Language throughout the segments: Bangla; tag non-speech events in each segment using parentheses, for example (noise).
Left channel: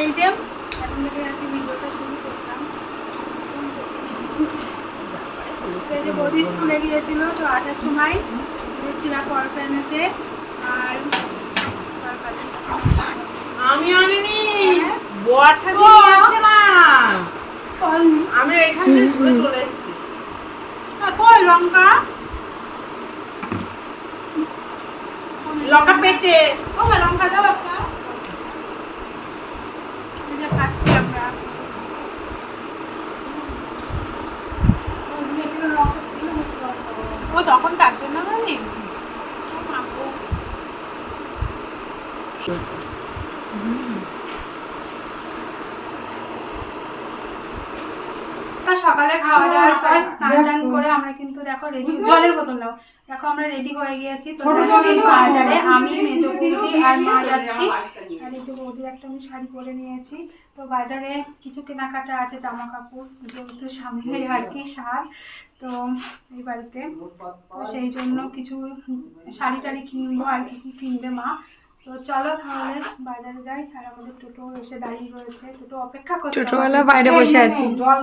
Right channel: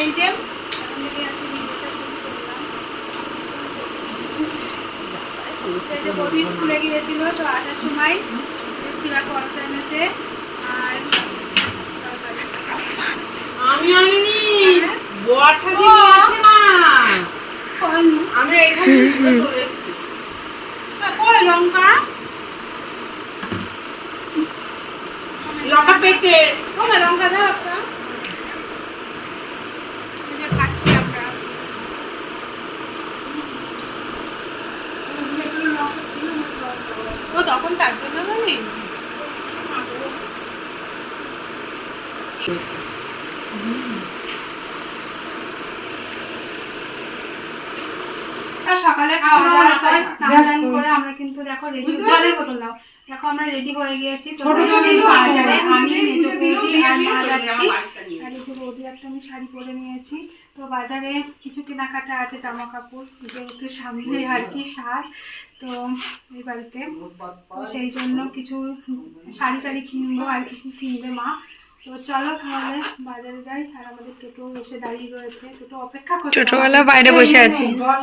এই যে কি বৌদি স্কুলে গিয়েছিল তো আসার সময় ছিঁড়া পরোটা এনেছে আর আমি আনিনি। বর ঠাকুর আসে না। আমি এখানে চলে এসেছি। কই লঙ্কা? লঙ্কা পেটে। ও লঙ্কা দাও একটা এই যে খাচ্ছি আমরা ও তখন তার জন্য বলি সকালে খাওয়া দাওয়ার পর স্নান টান করে আমরা কিন্তু দেখো রেডি জলের বোতল দাও। দেখো আমরা রেডি হয়ে গিয়েছি। তো যাচ্ছি বাজারে আমি বৌদি আর মা যাচ্ছি। আর বৌদি একটা আমি শাড়ি পরে নিয়েছি। তো বাজারে কিছু কেনাকাটা আছে জামা কাপড় যেহেতু সামনে আর কি সার তো এই বাড়িতে। তো সেই জন্য কিছু শাড়ি টাড়ি কিনবো আর কি কি কিনবে মা। তো চলো তাহলে বাজারে যাই। আর আমাদের টোটো এসে দাঁড়িয়ে রয়েছে। টোটো অপেক্ষা করছে। টোটোওয়ালা বাইরে বসে আছে। জল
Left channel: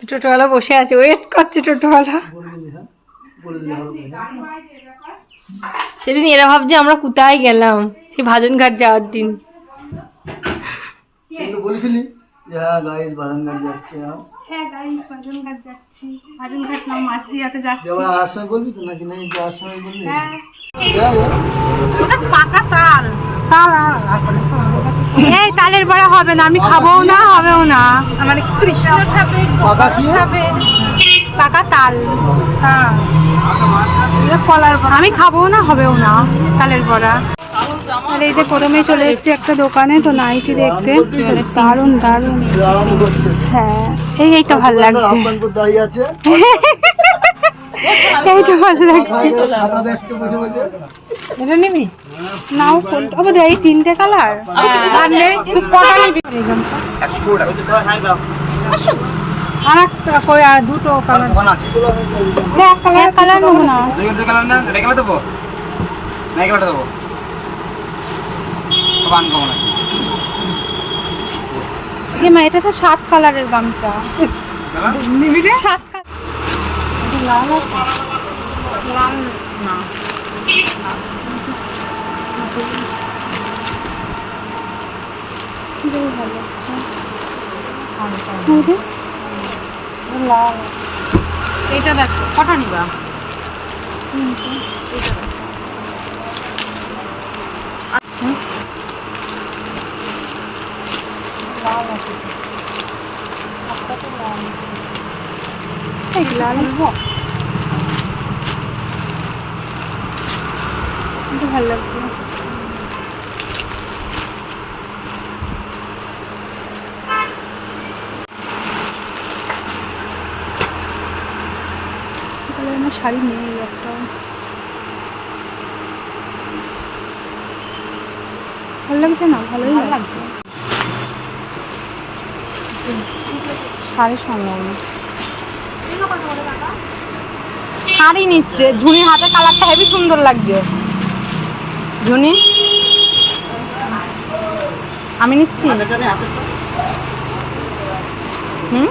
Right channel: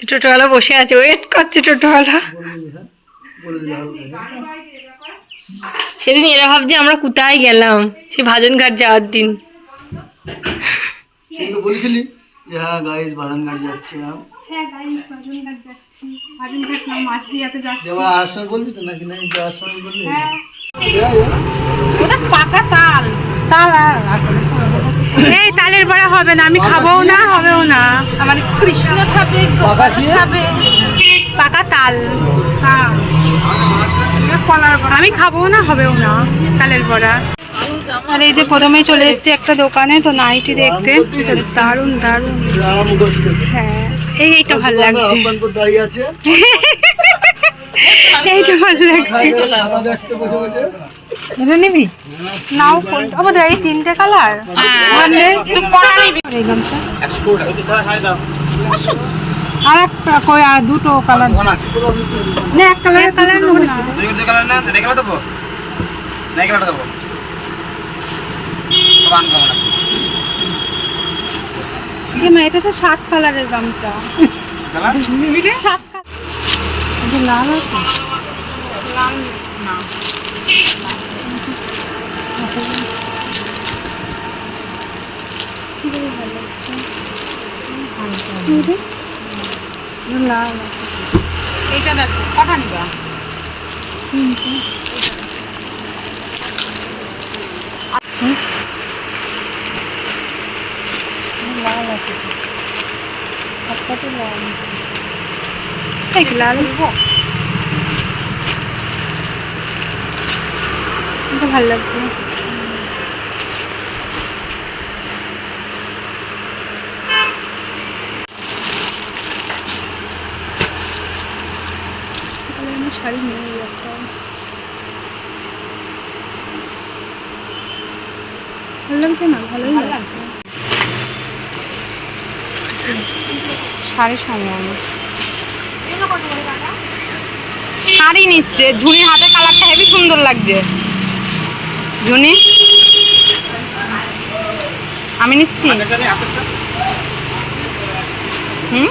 টোটোওয়ালা বসে আছে ওয়েট করছে টোটোওয়ালা। সেদিন এরা ভাবছে আমরা কোথায় গেলাম সে ভাজন ঘাট যাওয়ার দিন। বলেছিলি যে হ্যাঁ গাইজ বাদানঘাট যাচ্ছে হ্যাঁ হ্যাঁ গাইস বাজনঘাট যাচ্ছি। বাজনঘাট না মাছ দিয়াতে যাচ্ছি। যে আসার বলবি তো নাকি নাই? যাওয়ার সময় বলবি হ্যাঁ। পাকা তাল। এই তালের বড়া হবে না আমি খাবোও না হবেও না মানে কৃষ্ণ পাকা কি পাকা তাল আমি খাব না হবেও না তালের বড়া আর এই যে প্রথমেই চলে এসেছি একটা দোকানে তো নাইটি দেখতে দারুণ দারুণ হ্যাঁ এই এইটা ভালো লাগছে এইটা ভালো লাগছে এটা নিবি? নাও কোনটা এই তিনটে কালার তুই কটা নিবি? আর একটা কই আর দুটো কালার না এক কালার কালার নেব না। যে মা এটা তো সাত কালারের গামছা। সাত কালার লাল আছে লাল না কীভাবে ভালো লাগছে ওরে, এটা লাল এইটা দেখ কটা নিবা তিনটে লাল আছে তো। একটা তো লাল এই লাল এটা ভালো লাগছে শাড়ি নেই একটা। ভালো লাগছে না? ভালোই লাগছে। শাড়ি সামলানো শাড়ি নিচ্ছে। ঝুনির হাতে কালারটা হেবি সুন্দর লাগছে। ঝুনি আমি নিচ্ছি। হুম?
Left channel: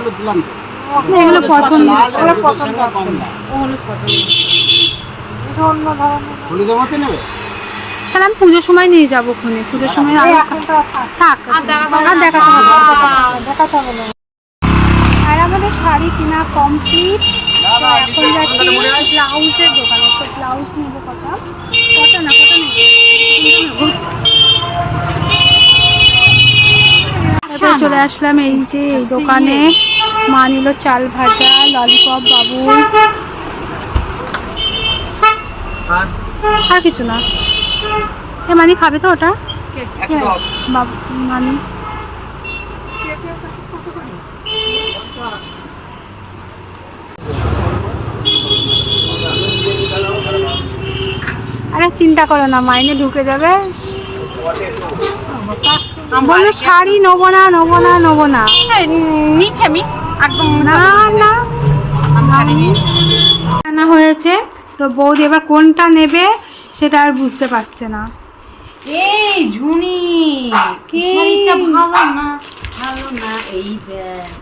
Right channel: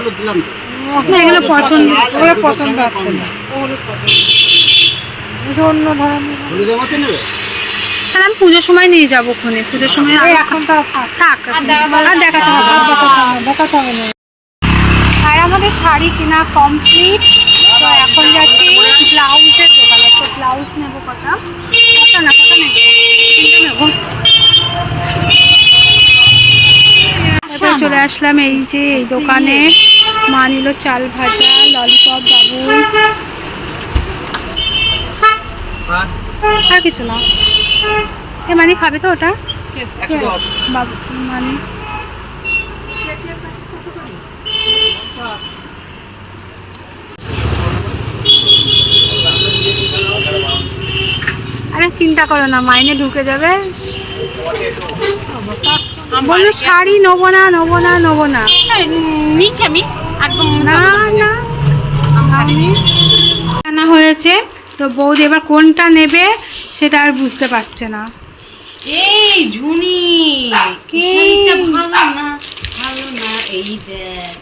হলুদ দিলাম এগুলো পছন্দ। ওরা পছন্দ তাহলে আমি পুজোর সময় নিয়ে যাব ওখানে। পুজোর সময় থাক আর দেখাতে হবে দেখাতে হবে না। আর আমাদের শাড়ি কিনা কমপ্লিট তো এখন যাচ্ছি ব্লাউজের দোকানে। তো ব্লাউজ নেব কটা? কটা না কটা নেব? চলে আসলাম এই যে এই দোকানে। ইয়ে। মা নিল চাল ভাজা ললিপপ বাবু আর? আর কিছু না। এ মানি খাবে তো ওটা? বাবু মানি। আরে চিন্তা করো না মাইনে ঢুকে যাবে। বলল শাড়ি নেব না নেব না নেব না। নিচে আমি একদম না না। আনা হয়েছে তো বৌদি এবার কোনটা নেবে সেটা আর বুঝতে পারছে না। এই ঝুনি কি? ভালো না ভালো না এই দেখ।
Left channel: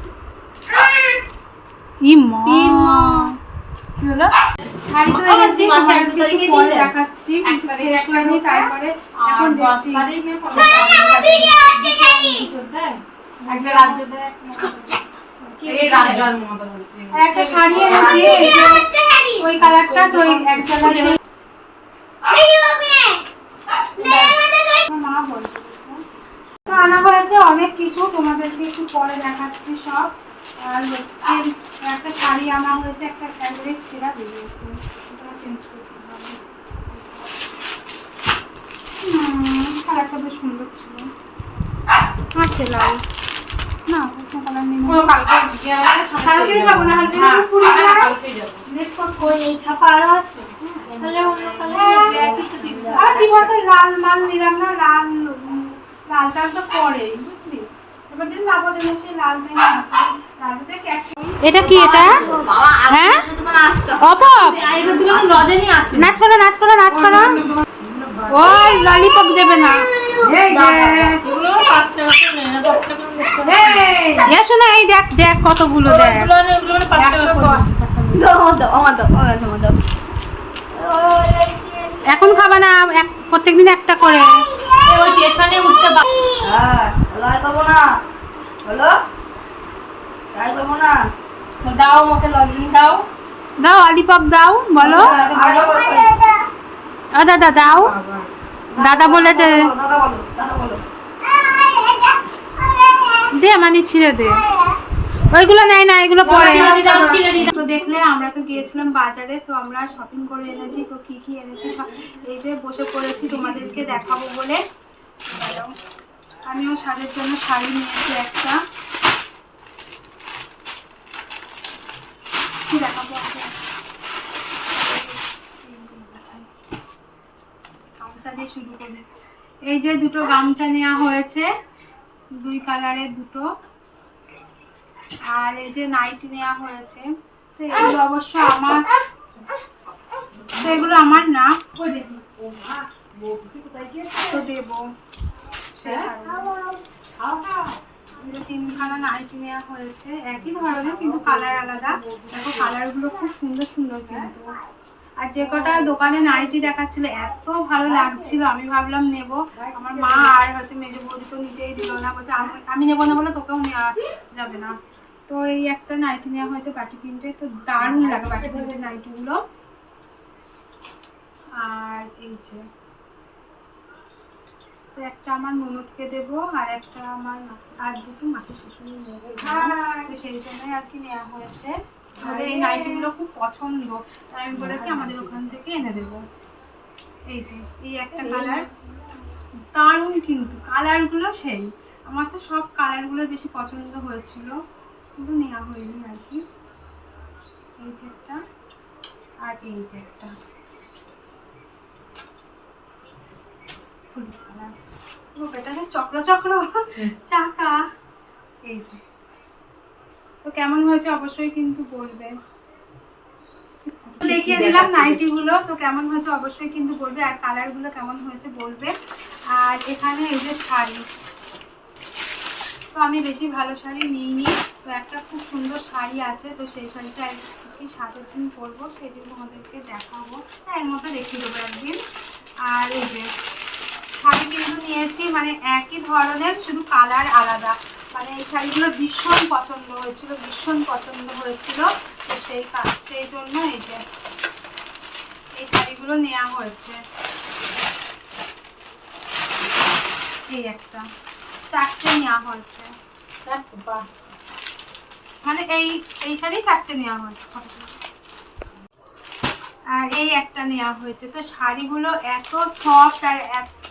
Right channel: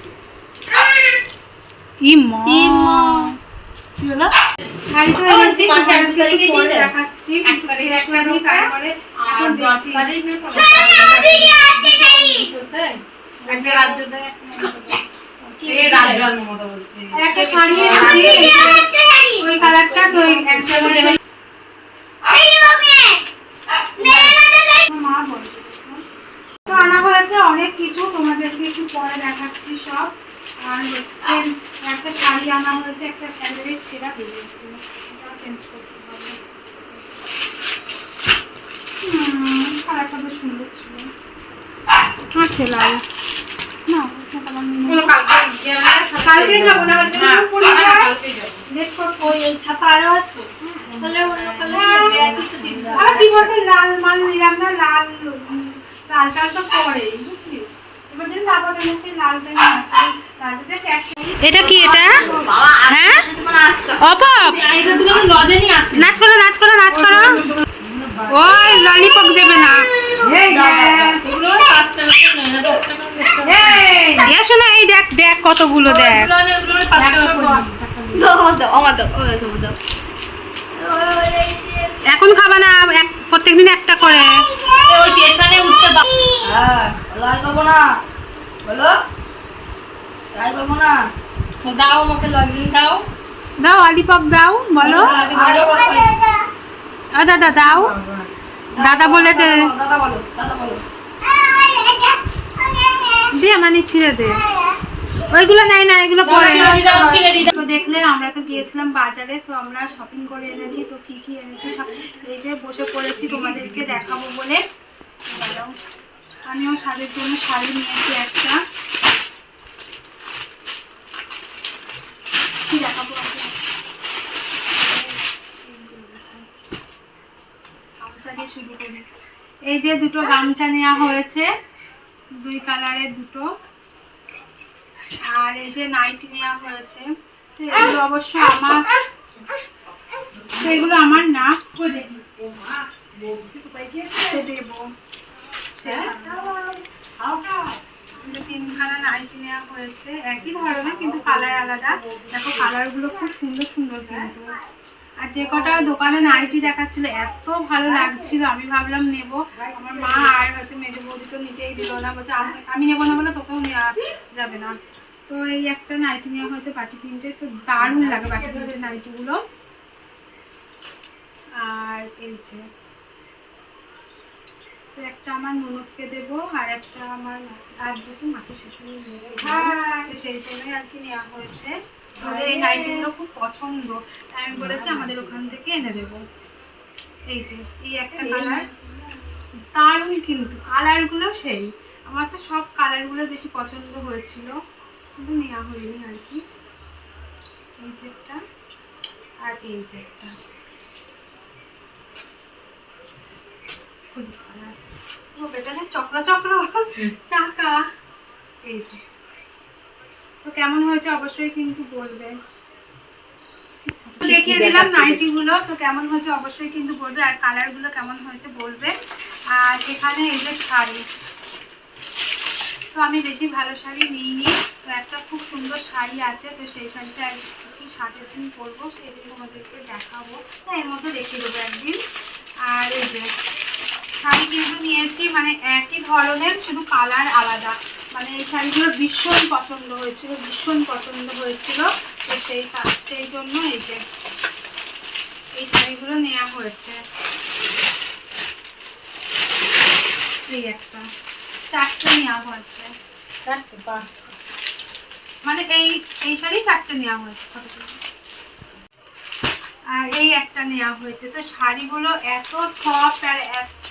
ই মা কি হলো? শাড়ি তো এনেছি মাসে এক তোমাদেরকে তারিখে একটু পরে দেখাচ্ছি তারপরে এখন দেখছি তারিখ না পনেরো তারিখ একটা রাজ্য দেয় (laughs) একটা শাড়ি এনেছি ওই কালারটা তো ওই এক জায়গায় তো আনা হয়েছে অনেক কিছু তোমাদেরকে একটু পরে দেখাচ্ছি সব। আর হচ্ছে একটা শাড়ি আনা হয়েছে একটা ফ্যাব্রিক ছেঁড়া বেরিয়েছে। এটা চেঞ্জ করতে হবে। কালারটা বেশ সুন্দর ছিল। আছে লাল না ওটা কালার নেই। কালকে যাব না হচ্ছে হ্যাঁ, পুরী হ্যাঁ, যাই। কালকে যাব। ওই ছাপা আরও আছে? তাহলে অন্য কালার একই সাথে দিতে হবে। আর কি বলতো লাল মাল নিলাম না লাল লাল টাল তো পরেই বুঝলি? এবার যদি না পছন্দ সেই লালটা নিয়ে আসবে লালটা ক্যাট এটা কি এটা? হ্যাঁ? অপপ! নাচ করো নাচ করো নাচ করো। ওই ললিপপ দেবে না। এই যে, এগুলো পাঁচ টাকা করে নেয় না। এই, শোনা এই দেখ দেখ কতগুলো দেখ। এখন খাবা না এক প্রত্যেকদিন একটা করে ওই পেছনে উঠতে দাও। দাও ওকে লজেন দাও দাও ললিপপ দাও বলো ও দাদা দাও দাদা বলেছে দে মানে ছিঁড়ে দে। ওইগুলো নাই না এগুলো পরে। তো দেখলে আমরা তো গিয়েছিলাম বাজারে তো আমরা শপিং করে এনেছি তো কি কি এনেছি সব। এই যে বসে পড়েছি তোমাদেরকে দেখাবো বলে। আমিও শাড়ির জন্য শাড়ি নিয়েছি একটা। কি দেখাবো শুরু করি। এই যে দুটো গামছা নেওয়া হয়েছে। দুই কালারের দুটো। আর এই যে নাইটি নেওয়া হয়েছে এগুলো অবশ্য আমার সেগুলো আমার না। দেবো। তিনখানা নেওয়া হয়েছে। একই ধরনের, কিন্তু কালার আলাদা। দেখো, কালারগুলো খুব সুন্দর সুন্দর কিন্তু। আর যে কটা দোকানে নাইটি দেখাচ্ছিল এত ভালো লাগছিল। আমি ভাবলাম নেব। আমার মা আর হচ্ছে মেজো বৌদি তো নিতেই দিল না। বলছে আমি- নেব না বলে তোকেও নেওয়া যাবে না। তো এই একটা নাইটি নেওয়া হয়েছে বাটি প্রিন্টের। তো দারুণ লাগে বাটি প্রিন্টের নাইটিগুলো আর এই যে তো একটা আমার ননদকে দেবো আর একটা আমার আর দুটো মাসি শাশুড়ি নেব। তো সেই জন্যই আর কি নেওয়া হয়েছে। তবে এই নাইটিগুলো খুব পছন্দ। তাই আমি বলেছি আমাদের ওখান থেকে এনে দেবো। এই যে এই একটা কালার দারুণ কিন্তু কালারগুলো সেই। আমার তো সব কালারগুলো বেশি পছন্দ হয়েছিল। কিন্তু নেওয়া হয়নি আর কি। এই যে একটা আর এই যে একটা। ফুল কালার ও বেটা যে চক্র চক্র। চাকা। এই যে। তো কেমন হয়েছে অবশ্যই কিন্তু বলবে। দেখিয়ে দিলাম নাইটি গুলো তো কেমন হয়েছে অবশ্যই কিন্তু বলবে আর কালারগুলো কেমন হয়েছে বলবে। আর এখানে এই যে শাড়ি তো আমি বেশি ভালো শাড়ি নিইনি। তো একটা খুব সুন্দর শাড়ি আছে তো সেই শাড়িটা কি সাতের দিন পরবো সেদিন তোমাদেরকে দেখাবো। তাই এর মধ্যে দেখিয়ে দেবো একদিন। আর এই যে শাড়ি যেগুলো নিয়েছি মানে একই ধরনের শুধু কালার আলাদা। মানে এই শাড়িগুলো ভীষণ পছন্দ হয়েছিল ভীষণ পছন্দ হয়েছিল। তো সেই সেই জন্য এই যে এই শাড়িগুলো নেওয়া হয়েছে। এই একটা চারটে নেওয়া হয়েছে। মানে এই এই শাড়ি চারটে নেওয়া হয়েছে। আর এই একটা নেওয়া হয়েছে। তো শাড়িগুলো এত সফট আর এত-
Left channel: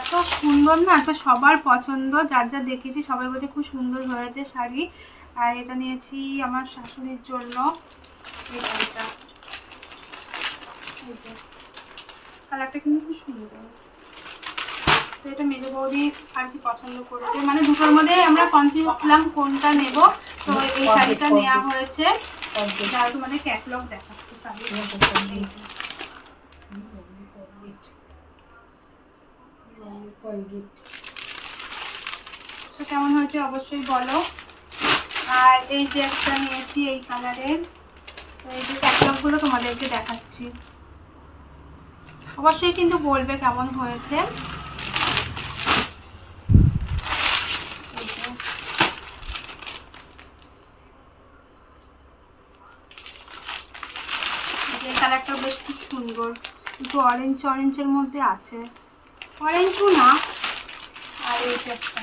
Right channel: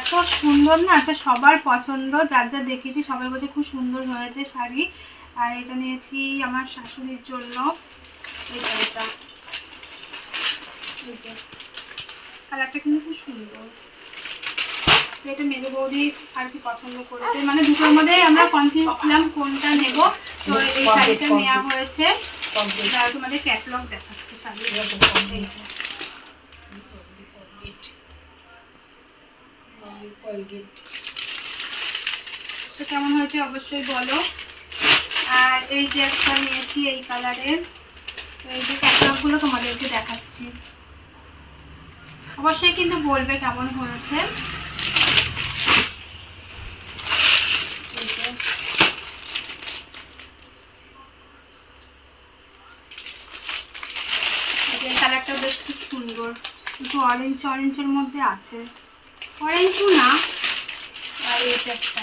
এত সুন্দর না তো সবার পছন্দ যার যা দেখেছি সবাই বলছে খুব সুন্দর হয়েছে শাড়ি। আর এটা নিয়েছি আমার শাশুড়ির জন্য। এই শাড়িটা এই যে। কালারটা কিন্তু খুব সুন্দর। তো এটা মেজো বৌদি আর কি পছন্দ করেছে। মানে দুটোর মধ্যে আমরা কনফিউজ ছিলাম কোনটা নেব। তো এই শাড়িটা নেওয়া হয়েছে। আর তোমাদের ক্যাটলগ দেখাচ্ছে শাড়ি তো কেমন হয়েছে অবশ্যই বলো। আর এই যে একটা নিয়েছি এই কালারের এই যে ক্যাটলগগুলো তোমাদেরকে দেখাচ্ছি। অবশ্যই কিন্তু বলবে কেমন হয়েছে। কালারটা বেশ খুব সুন্দর। একটু অরেঞ্জ অরেঞ্জের মধ্যে আছে। অরেঞ্জও না। আর এই একটা।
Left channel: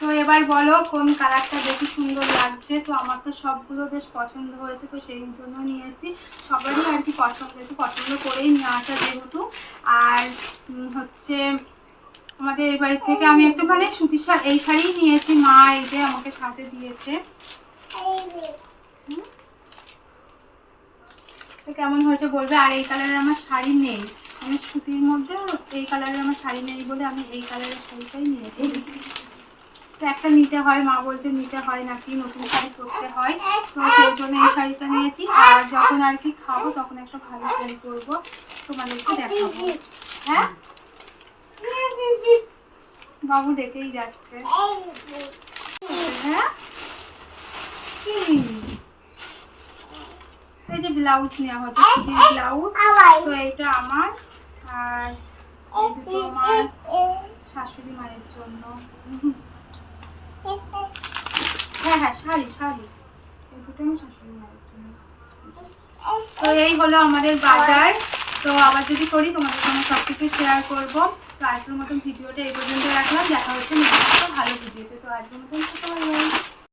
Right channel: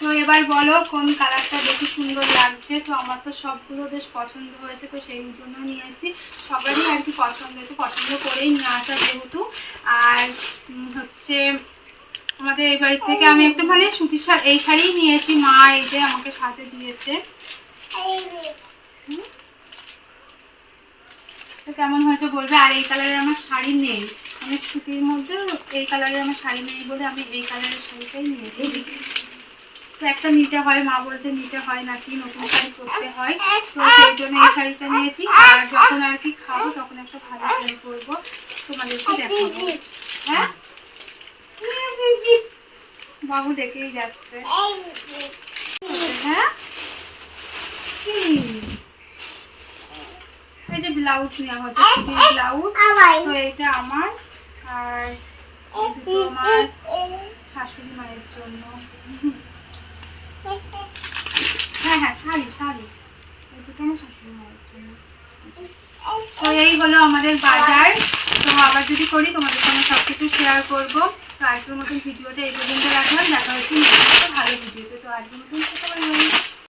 তো এবার বলো কোন কালারটা বেশি সুন্দর লাগছে? তো আমার তো সবগুলো বেশ পছন্দ হয়েছে তো সেই জন্য নিয়ে এসেছি। সবারই আর কি পছন্দ হয়েছে। পছন্দ করেই নিয়ে আসা যেহেতু। আর হচ্ছে আমাদের এই বাড়ি থেকে আমি একটা মানে সুতির শাড়ি এই শাড়িই নিয়েছি। মা এই যে আমাকে সাথে দিয়েছে। হুম? তো কেমন হয়েছে বলবে? আর এই কালারের আমার শাড়ি নেই। মানে সুতির মধ্যে এই কালারের আমার শাড়ি নেই বলে আমি এই কালারের শাড়িটাই নিয়েছি। তো একটা নিতে হয়, মা বলছে নিতে হয় নাকি, নতুন শাড়ি পরতে হয়। তো সেই জন্য এই শাড়িটা নিয়েছি। আর যখন আর কি খাব, তখন একটা ভালো শাড়ি পরবো। তোমাদেরকে দেখাবো। হ্যাঁ? বাবু দেখেই যাচ্ছে। হ্যাঁ? এই যে ব্লাউজ নেওয়া হচ্ছে সুতির ব্লাউজ তো এটা আমার। আর আমার শাশুড়ি মায়ের জন্য। হ্যাঁ হ্যাঁ শাড়ি শাড়ি। এই দুটো আমার শাশুড়ি মায়ের জন্য। তো এই হলো আমাদের বাজার। তো আবার যদি করি তোমাদের সঙ্গে সব কিছু শেয়ার করব। তো আজকের মতন ভিডিওটা এই পর্যন্ত রাখলাম। দেখা হচ্ছে ভালো ভিডিওতে। তো আজকের মতন